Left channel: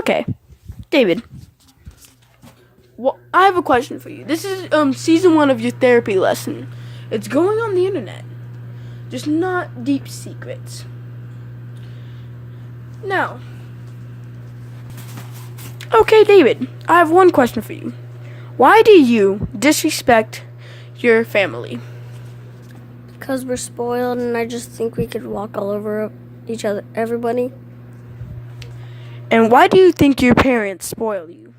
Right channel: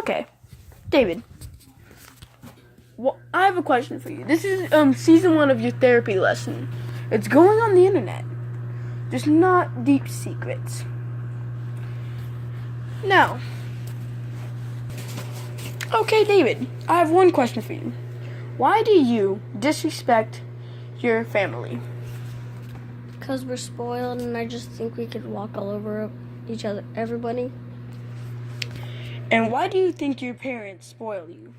Okay, David. Well, I have a question for you. This is season 1 of your therapy lesson. It's going on the internet. Just not deep secrets. Now, okay, David, I have one question for you. Why do you disrespect your family? Because we're spoiled, and I just think we could walk all over each other, everybody. And why do you think your parents spoil you?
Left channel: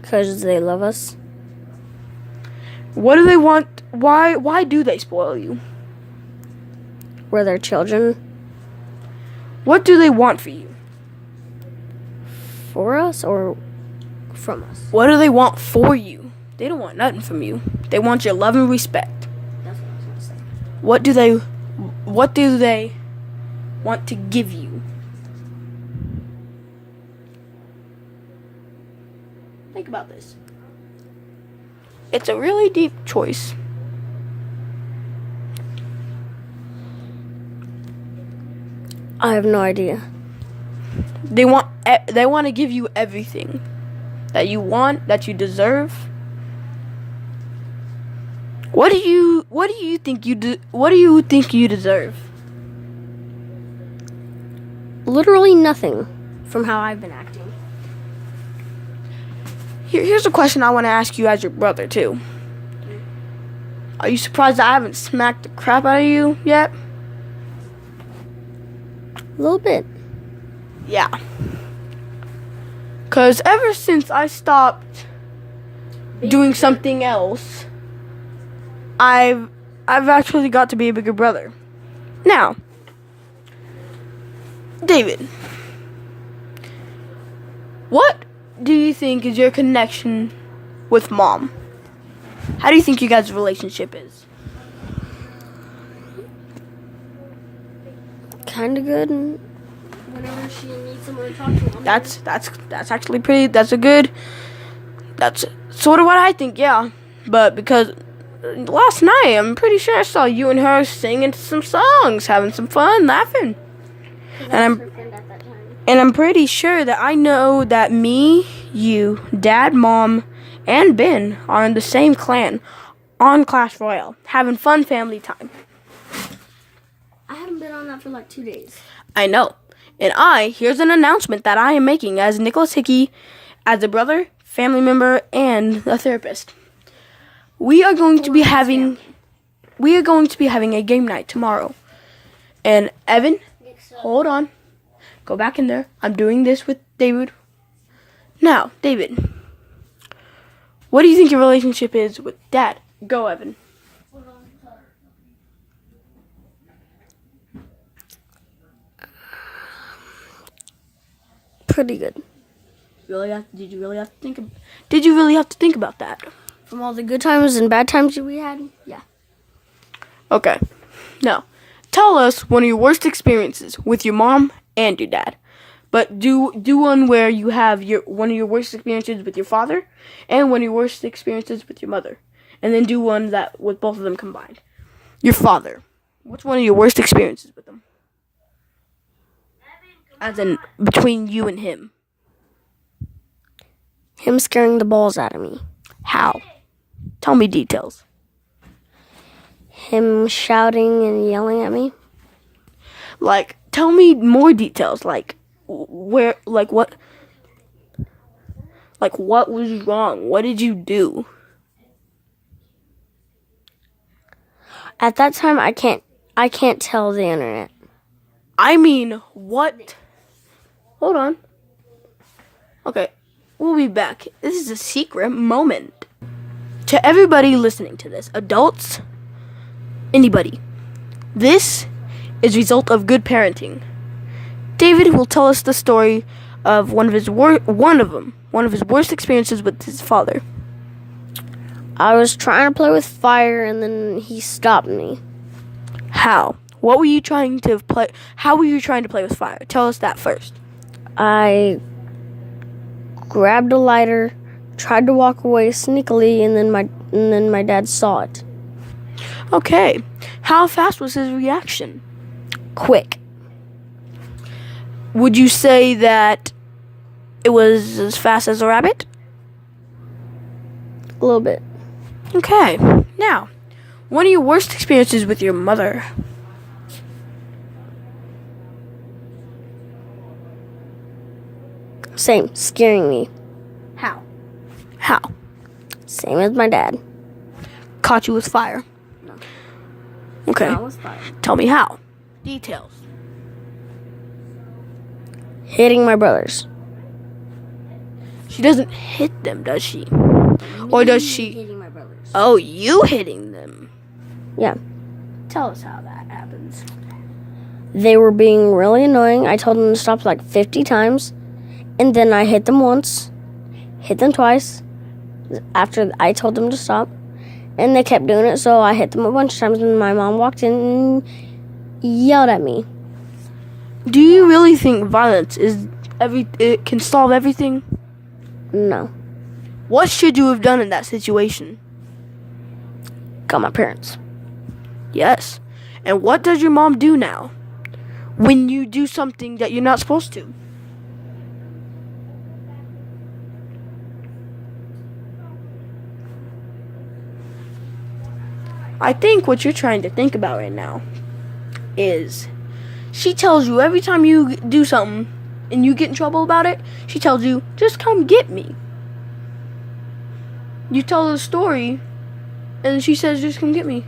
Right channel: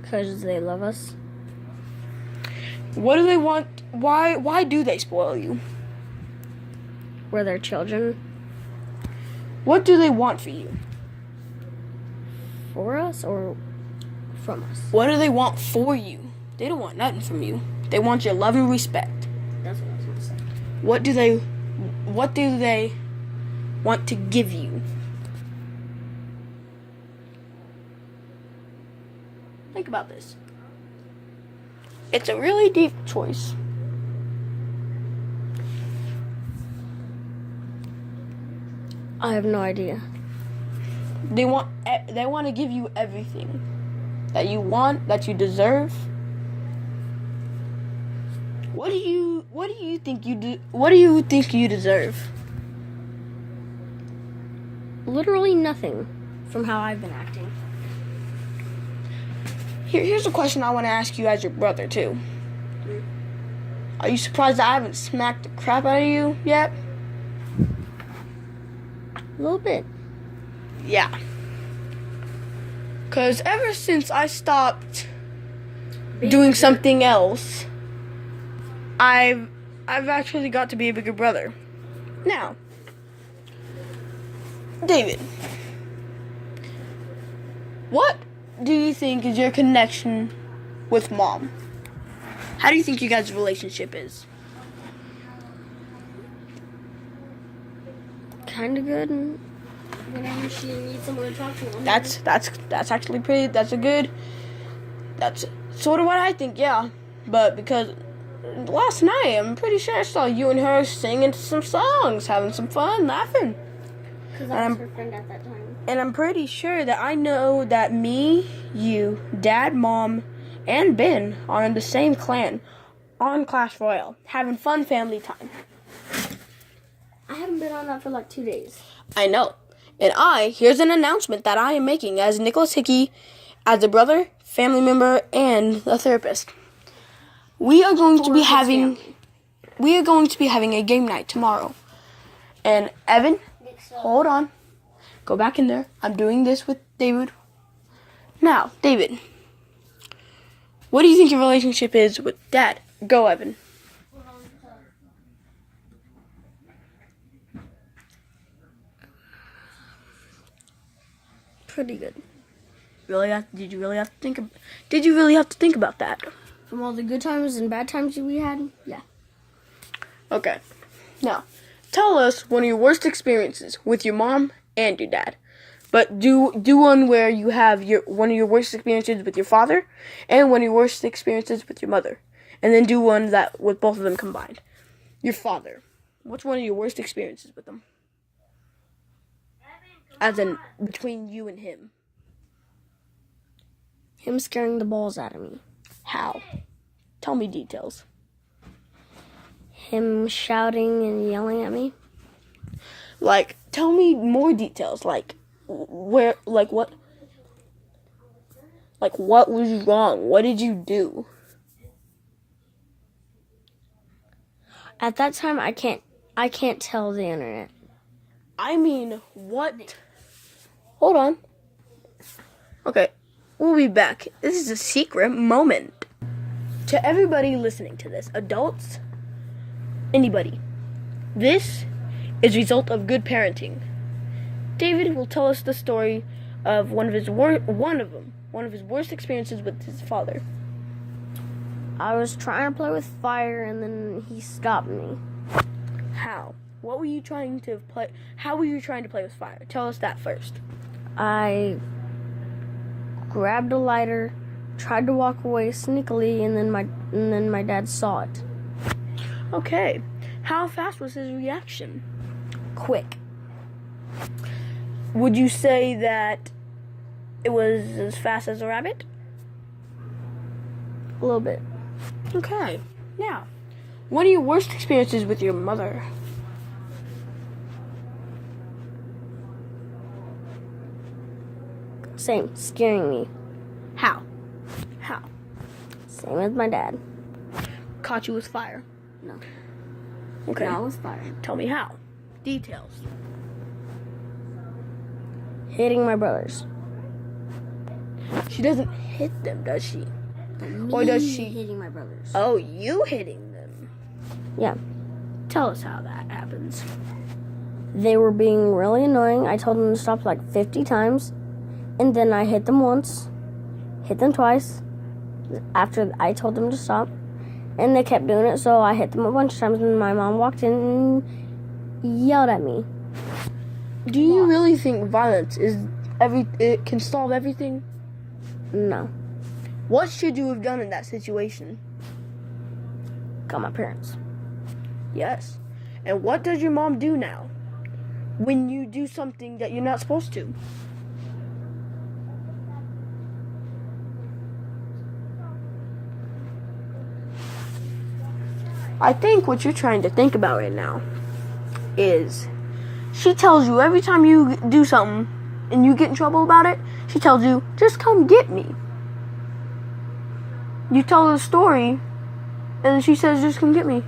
Because they love us. What do they want? Why do they spoil you? We're their children. What do they want for you? For us or from us? What do they want for you? They don't want nothing from you. They want your love and respect. That's what I was going to say. What do they want to give you? Think about this. It's a really deep choice. I have no idea. They want to give you everything that you want, that you deserve. What do you think you deserve? Literally nothing from how I've been acting. Here's a question I want to ask you as your brother, too. Are you surprised that I haven't smacked the crap out of you yet? A little bit. Yeah. Because ever since I stopped doing something else, I've actually got to be a bigger brother. Now, David, what do you think is your connection with Mom? How do you think you guys' relationship is? Kind of good. And whenever she needs someone to talk to. That's actually pretty. That's sort of what I think. Yeah, but because last night I'm pretty sure I saw you and her singing some songs, having some fun, laughing. And I'm pretty sure that I know that me, you, Dad, Mom, and Ben are in the same clan on Clash Royale, having fun family time. I haven't been on that for like 2 days. I know. And here's an announcement that I am making as Nicholas Hickey, as a brother, family member, and a therapist. We are going to be having a game night tomorrow. And Evan, hold on. Go back in there. I'm doing this with David. Now, David, what do you think your relationship is with Dad? Go, Evan. Pretty good. Did you really have to think about that? From all the good times and bad times we had, yeah. Okay. Now, tell us one of your worst experiences with your mom and your dad. But do one where you have one of your worst experiences with your father and one of your worst experiences with your mother. And then do one that with both of them combined. Your father. What's one of your worst experiences with him? As in between you and him. Him scaring the balls out of me. How? Tell me details. Him shouting and yelling at me. Like, tell me more details. Like, what was wrong? What did you do? At that time, I can't tell the internet. I mean, what? Hold on. Okay, we'll be back. This is a secret moment. To everybody listening to this, adults, anybody, this is a result of good parenting. David will tell us the story of one of his worst experiences with his father. I was trying to play with fire, and then he stopped me. How? What were you trying to play? How were you trying to play with fire? Tell us that first. I grabbed a lighter, tried to walk away sneakily, and then my dad saw it. Okay. How fast was his reaction? Quick. Would you say that It was as fast as a rabbit? A little bit. Okay. Now, what are your worst experiences with your mother? Same, scaring me. How? How? Same as my dad. Caught you with fire? No. Okay. No, I was fine. Tell me how. Details. Hitting my brothers. She doesn't hit them, does she? Or does she? Hitting my brothers. Oh, you hitting them. Yeah. Tell us how that happens. They were being really annoying. I told them to stop like 50 times. And then I hit them once. Hit them twice. After I told them to stop. And they kept doing it, so I hit them a bunch of times. And my mom walked in and yelled at me. Do you really think violence it can solve everything? No. What should you have done in that situation? Got my parents. Yes. And what does your mom do now when you do something that you're not supposed to? I think what you're trying to think about right now is she tells you every time you do something and you get in trouble about it, she tells you, just come get me. You tell her the story and she says, just come get me.